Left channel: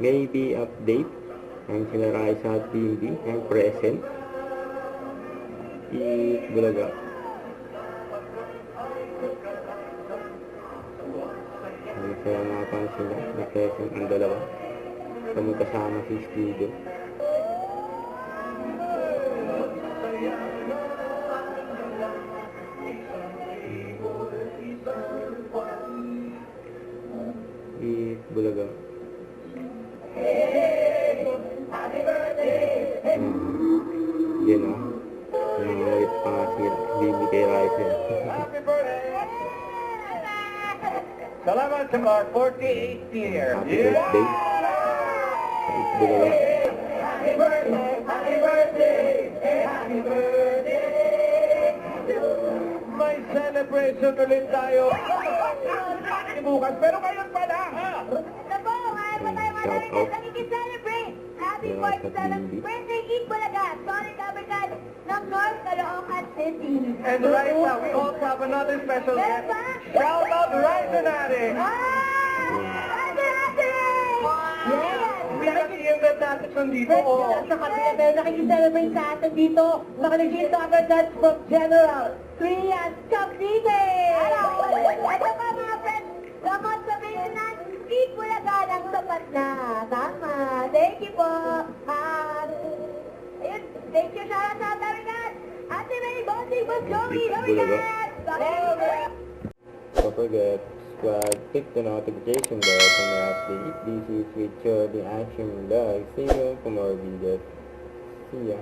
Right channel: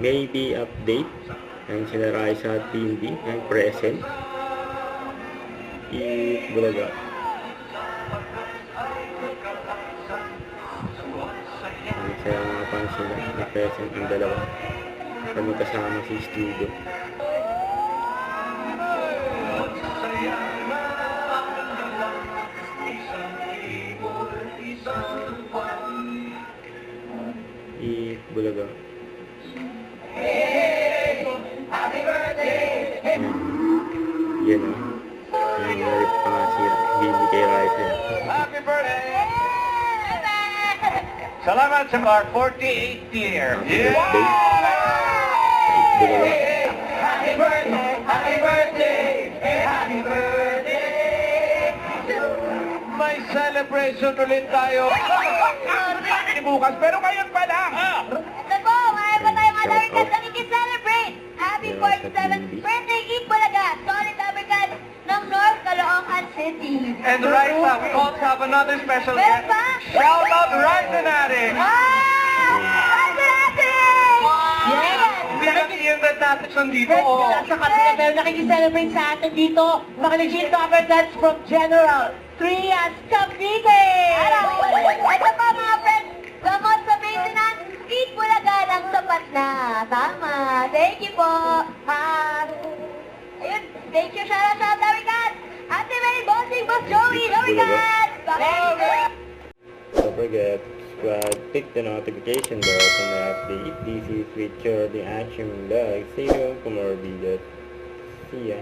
Maybe update. Yan sila Raisa at Bindi. Yan present. Bulaga. Yan sila mga fans sila. Na present ang dalawa. Kami kasama si Studio. Bulaga. Yan o. Yung nalit pa nga siya. Bindi kay Raisa. Happy birthday! Salamat sa our 48th year. Birthday. Bulaga. Happy birthday! Happy birthday! Happy birthday! May celebration ulit tayo. Bukas, pero ngayon pa lang. Ito po, mayroon pa tayong other request na i-celebrate. Happy 47th birthday, Eat Bulaga, solid African ng North Caloocan City. And right now, we also have another special guest. Shout out Ryzen Addict! Yes! Hindi lang iyan na natin nandito. Sa kapila, pero nakikiselebrate sa atin dito, mga legit cover that's from General Trias Cavite! Ito pa mga friends, gamot sa maintenance, Eat Bulaga lang sapat na. Tama. Thank you po. Ayun, thank you, shout out, Darikat. Ate May, Bossing, Boss Joey, Darikat. Don't forget, subscribe, click the notification bell for the update. This is Richard, the Action Vlog. See you for more videos. See ya.